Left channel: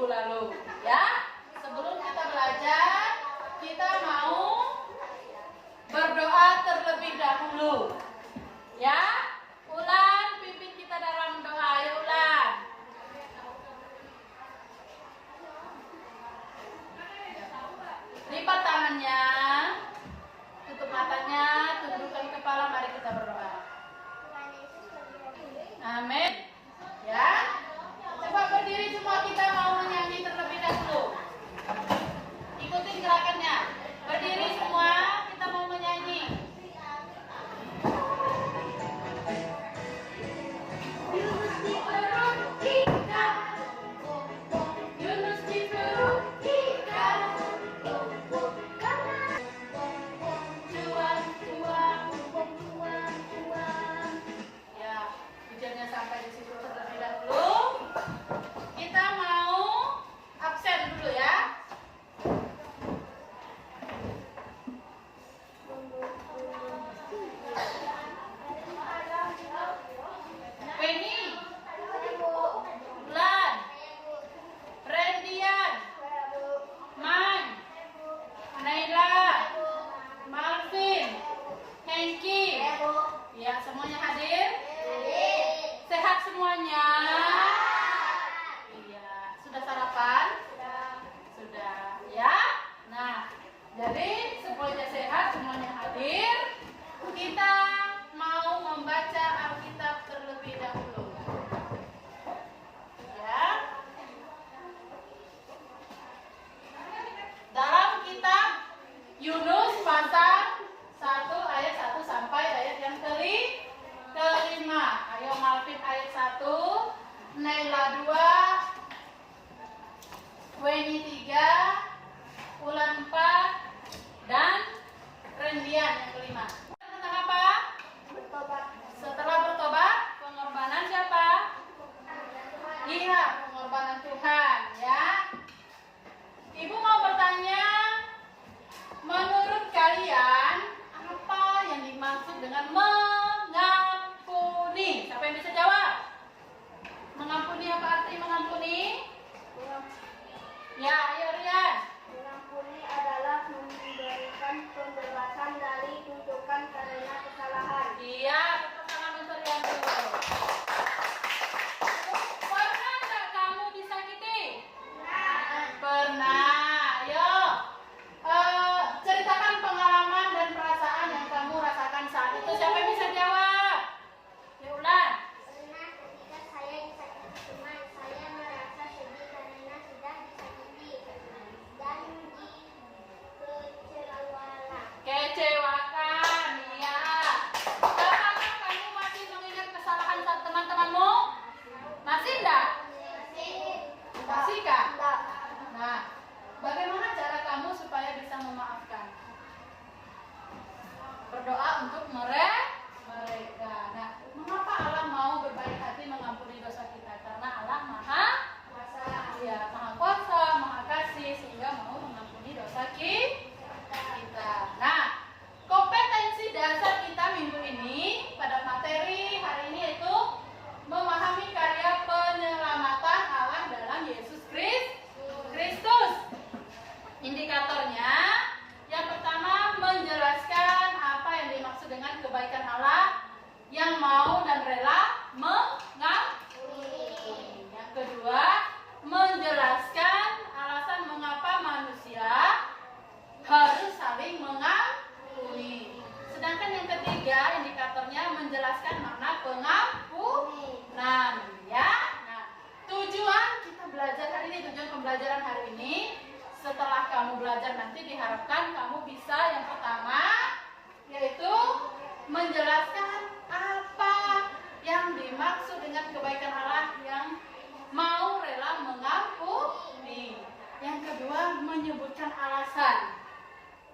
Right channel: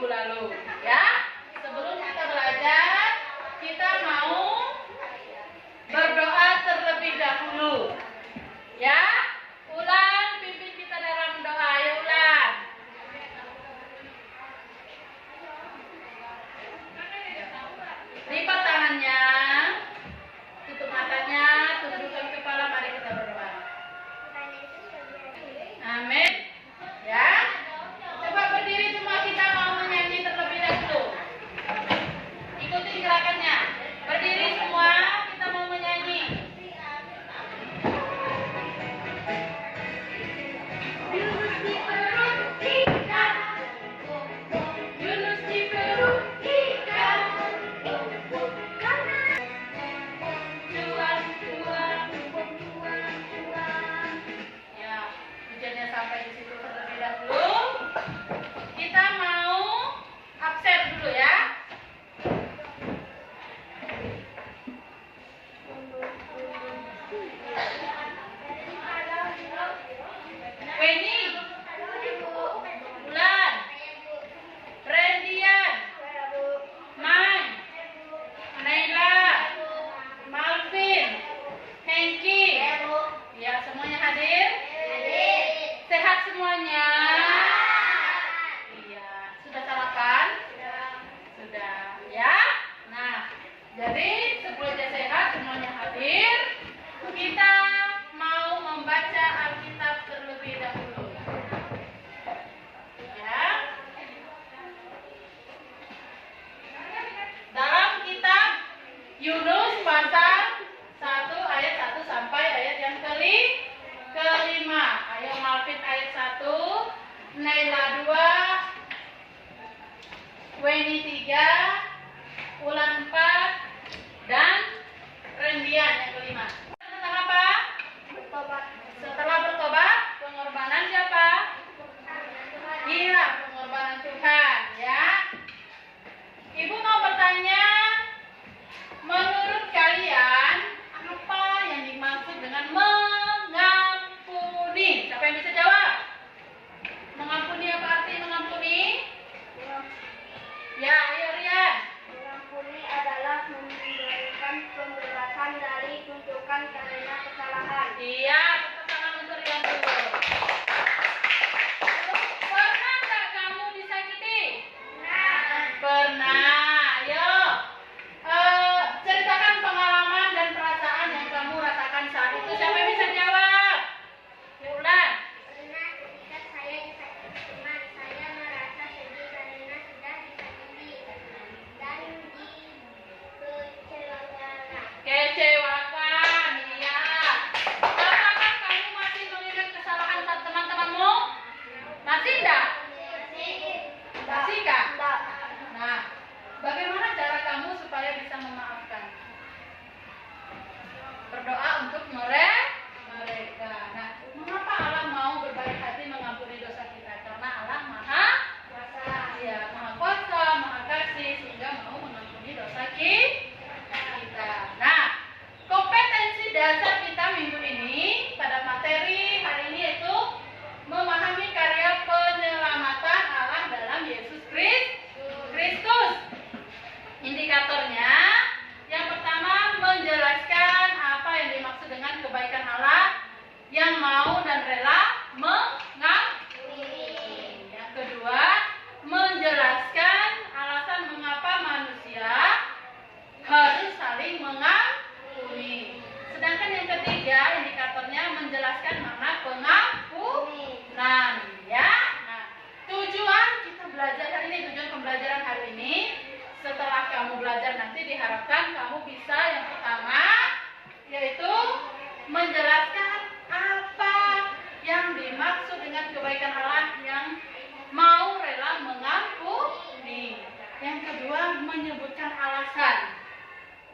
minggu lalu. Ya, sebelum kita belajar, kita mau berdoa terlebih dahulu. Ya, Ulan pimpin kita dalam doa. Ayo Ulan. Lipat tangannya, tutup matanya, tundukkan kepala, mari kita berdoa. Amin. Ya, coba berdiri semua, kita mau menyanyi terlebih dahulu. Ikuti gerakannya. Berdiri semua, kita mau menyanyi. Yunus di perut ikan, Yunus di perut ikan. Ya, hujannya sampai di situ terlebih dahulu. Kita mau absen dulu ya. Penny, Bulan, Rendian, Mai, Naila, Malvin, Hengki. Ya, semuanya hadir? Sehat semuanya? Iya. Sudah sarapan? Sudah. Ya. Nah, jadi semuanya sehat, semuanya hadir. Kita mau membaca Alkitab terlebih dahulu. Ya. Dalam kitab Yunus pasal 1 ayat 1 sampai ayat yang kelima. Ayo Malvin ayat 1, Naila 2, Weni 3, Ulan 4, dan Rendian yang kelima. Tentang apa? Bertobat. Setelah bertobat, pengorbanan siapa? Iya, pengorbanan Tuhan, ya. Ibu mau bertanya, menurut kalian apa yang dimaksud dengan mengampuni? Siapa yang bisa jawab? Mengampuni apa arti mengampuni? Ya, ayo Rian. Mengampuni adalah memberikan pembebasan dari tuntutan karena kesalahan. Iya, tepuk tangan untuk Rian dulu. Pernah nggak kamu disakiti? Pernah. Ayo, ceritakan pengalaman dan perasaan yang kamu rasakan saat itu. Siapa yang bisa jawab? Ya Ulan. Pernah ketika saya disakiti teman, saya merasa sedih karena sudah disakiti dan dikecewakan. Kecewakan, iya. Apakah kamu masih mengingat kesalahan saat teman-temanmu? Masih enggak? Masih kah? Nah, bagaimana cara kamu supaya bisa memaafkan? Berdoa untuk mereka. Nah, mengapa Allah mau berbaik hati mengampuni dosa kita? Karena Allah Maha Kuasa. Ya, Maha Kuasa, Maha Kasih, sehingga mau mengampuni dosa kita. Nah, kompetensi dasar kita minggu ini pada materi hari ini yaitu memahami karya penyelamatan Allah dalam Yesus Kristus. Indikatornya, yang pertama menjelaskan apa yang dimaksud dengan kebaikan Allah yang mau dan rela mengampuni. Yang kedua, menjelaskan alasan mengapa manusia harus saling mengampuni. Sedangkan yang ketiga, indikatornya menjelaskan makna pengampunan. Ya. Nah, tujuan kita belajar hari ini, tujuan pembelajaran hari ini, setelah kamu belajar nanti diharapkan kamu bisa yang pertama yaitu menjelaskan apa yang dimaksud dengan kebaikan Allah yang mau rela mengampuni. Yang kedua, menyebutkan alasan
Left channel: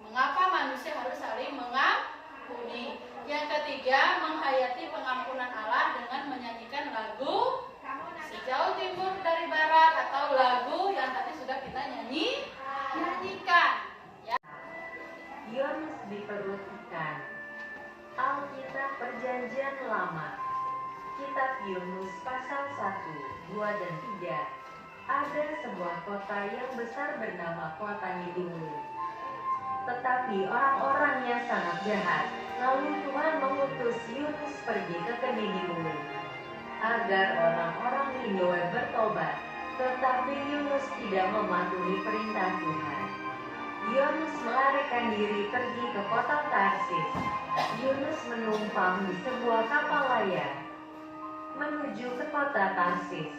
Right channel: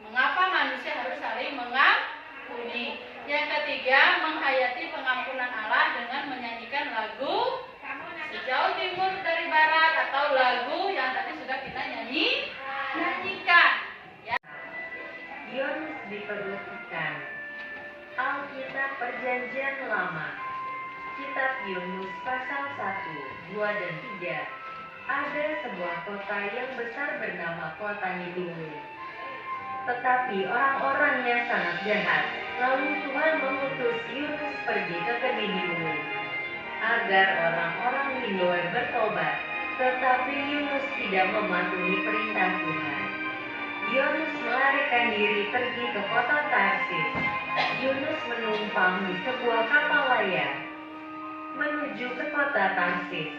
mengapa manusia harus saling mengampuni. Yang ketiga, menghayati pengampunan Allah dengan menyanyikan lagu Sejauh Timur dari Barat atau lagu yang tadi sudah kita nyanyikan. Ya. Yunus di perut ikan. Alkitab Perjanjian Lama. Kitab Yunus pasal 1, 2 dan 3. ada sebuah kota yang besar bernama kota Niniwe. Tetapi orang-orangnya sangat jahat. Lalu Tuhan mengutus Yunus pergi ke Niniwe agar orang-orang Niniwe bertobat. Tetapi Yunus tidak mematuhi perintah Tuhan. Yunus melarikan diri pergi ke kota Tarsis. Yunus menumpang di sebuah kapal layar menuju ke kota Tarsis.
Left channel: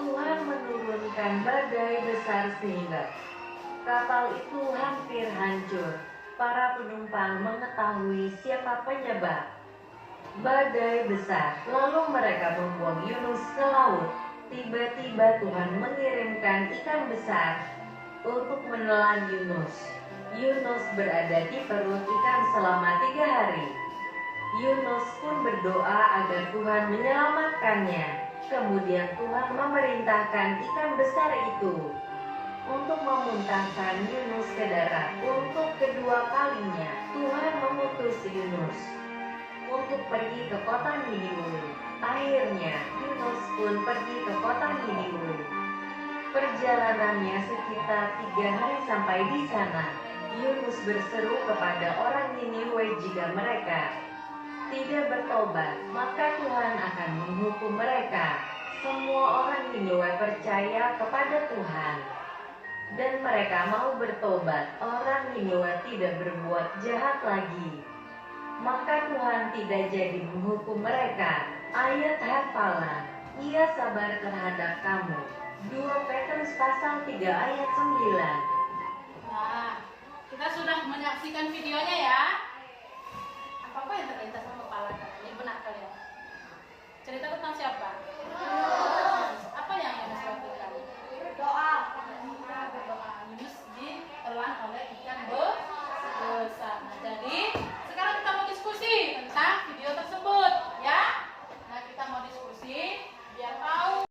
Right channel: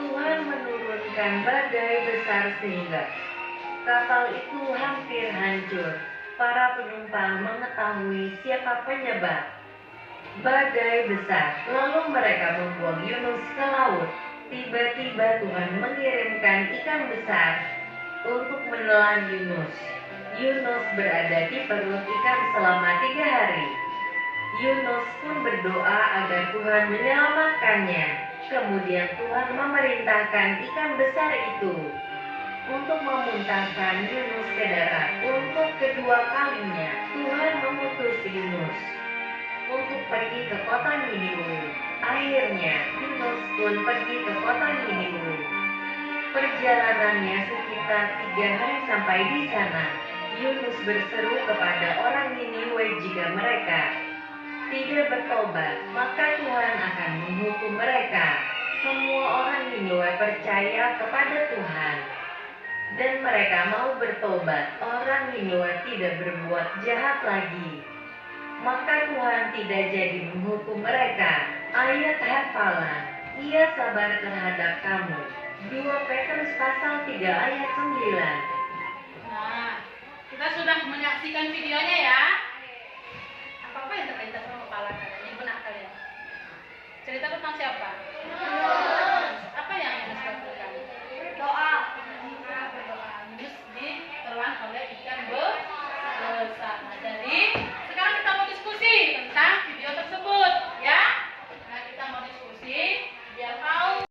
Tuhan menurunkan badai besar sehingga kapal itu hampir hancur. Para penumpang mengetahui siapa penyebab badai besar. Lalu mereka membuang Yunus ke laut. Tiba-tiba Tuhan mengirimkan ikan besar untuk menelan Yunus. Yunus berada di perut ikan selama 3 hari. Yunus pun berdoa agar Tuhan menyelamatkannya. Kemudian Tuhan memerintahkan ikan besar itu untuk memuntahkan Yunus ke darat. Untuk kedua kalinya Tuhan mengutus Yunus untuk pergi ke kota Niniwe. Akhirnya Yunus pun pergi ke kota Niniwe. Perjalanannya sekitar 3 hari sampai di sana. Yunus berseru kepada orang Niniwe jika mereka tidak bertobat, maka Tuhan akan menghukum mereka. Semua orang Niniwe percaya kepada Tuhan dan mereka mau bertobat. Orang Niniwe tidak berbuat jahat lagi. Maka Tuhan tidak jadi menghukum mereka. Ayat hafalan, Ia sabar terhadap kamu. 2 Petrus pasal 3 ayat 9. Nah, kita sudah menyaksikan videonya ya. Apa yang terlintas sama kepala kalian? Ini benak kalian. Cerita tentang siapa? Apa yang Yunus lakukan? Berdoa. Berdoa. Yunus ditelan oleh ikan besar. Nah, jadi sekarang kita mau diskusi tentang video tersebut, ya. Nah, kita mau diskusi biar tahu.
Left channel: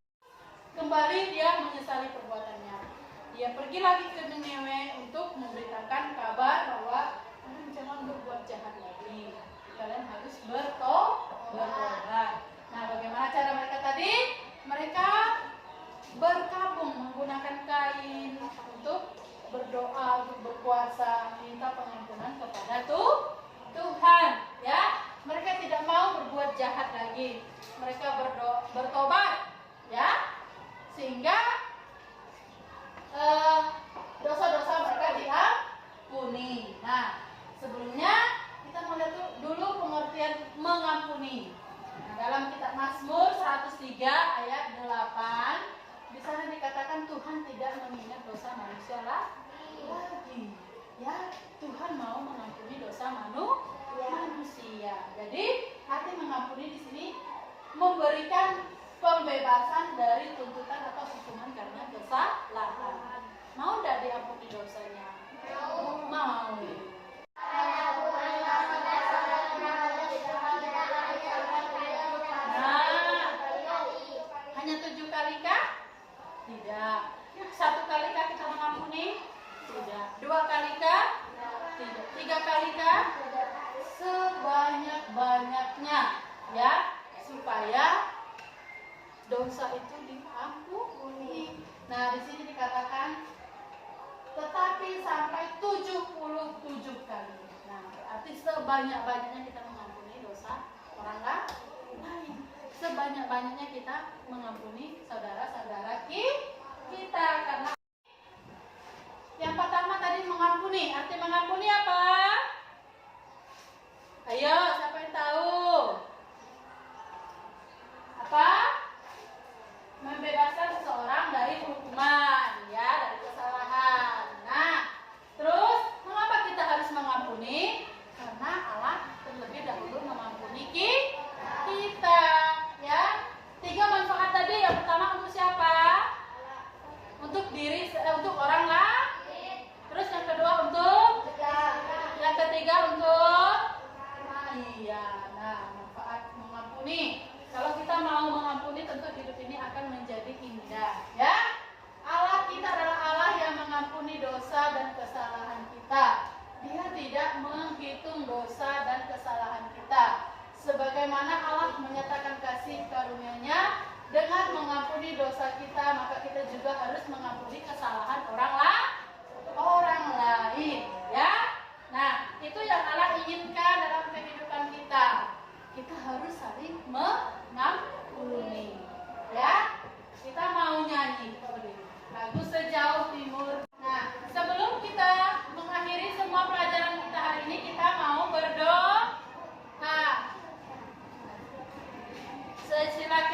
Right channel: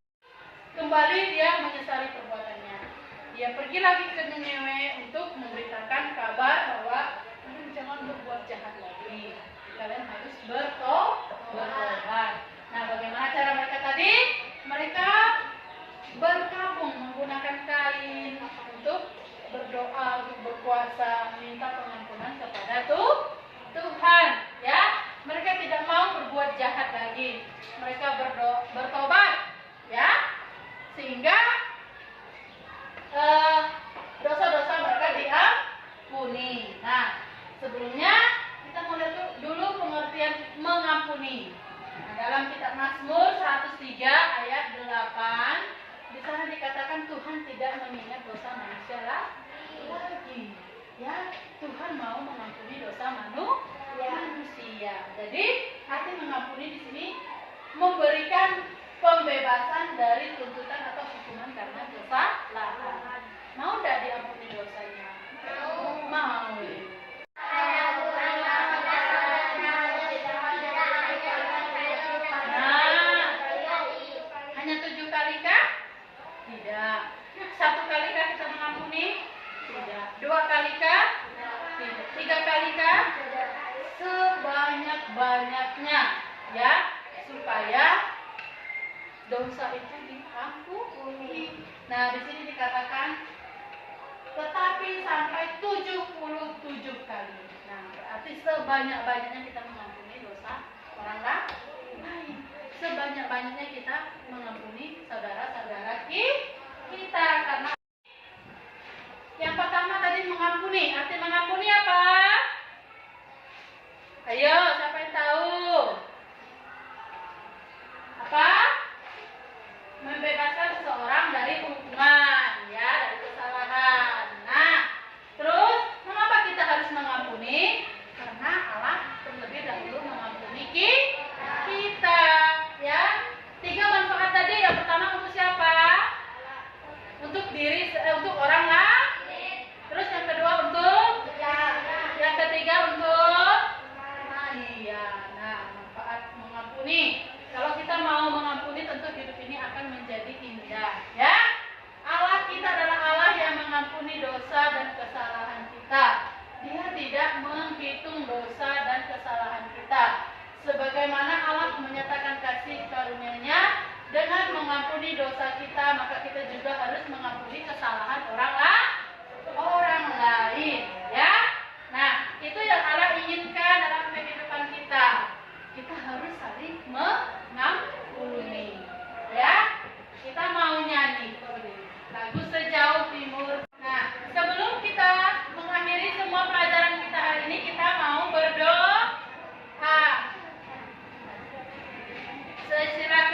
Kembali dia menyesali perbuatannya. Dia pergi lagi ke Niniwe untuk memberitakan kabar bahwa jangan berbuat jahat lagi. Kalian harus bertobat. Nah, bagaimana cara mereka tadi? Mereka berkabung menggunakan kain untuk berdoa, untuk berpuasa, minta pengampunan kepada Tuhan. Ya, mereka tidak mau berbuat jahat lagi. Mereka bertobat, ya, sehingga dosa-dosa mereka diampuni. Nah, sebelumnya kita mau lihat dulu pengertian mengampuni. Nah, dalam kitab Mazmur 103 ayat 8, di sana dikatakan Tuhan tidak mengingat dosa manusia lagi. Ya, Tuhan mau mengampuni dosa manusia. Jadi, arti mengampuni di sini memberikan pembebasan dari tuntutan atau hukuman karena kesalahan. Mau tidak diampuni dosanya? Mau. Hanya 7 kali kah? Tidak. 1 kali kah kita mengampuni? Tidak. 2 kali kah? Tidak. 3 kali kah? Sebanyak-banyaknya, ya, supaya dosa itu diampuni. Nah, di sini dikatakan tetapi sampai 77 kali. Nah, berarti sebanyak-banyaknya kita mengampuni dosa orang lain. Sebanyak-banyaknya kita mengampuni saudara-saudara kita. Karena yang pertama tadi mengampuni. Arti mengampuni apa? Ayo, siapa yang tahu? Apa? Membebaskan seseorang dari hukuman, ya, dari kesalahan. Nah, terus mengapa kita harus mengampuni? Karena Allah terlebih dahulu mengampuni kita, ya. 3 manfaat tadi. Yang pertama untuk siapa? Untuk untuk orang lain. Terus yang kedua untuk? Yang ketiga untuk? Iya. Nah, manfaat mengampuni. Kalau kita mau mengampuni, tentu hidup ini akan menjadi indah, ya. Allah kita adalah Allah yang mengampuni dosa dan kesalahan kita. Dia tidak menghitung dosa dan kesalahan kita. Sebagaimana Allah menyatakan kasih karunia-Nya Dengan mengampuni dosa kita, maka kita juga harus mengampuni kesalahan orang lain, ya. Nah, itu yang Allah inginkan dalam kehidupan kita. Kita harus saling mengampuni, ya. Kita mau nyanyi lagu Sejauh Timur. Nah, sebelum kita mengakhiri semua pelajaran kita hari ini, kita mau berdoa. Silakan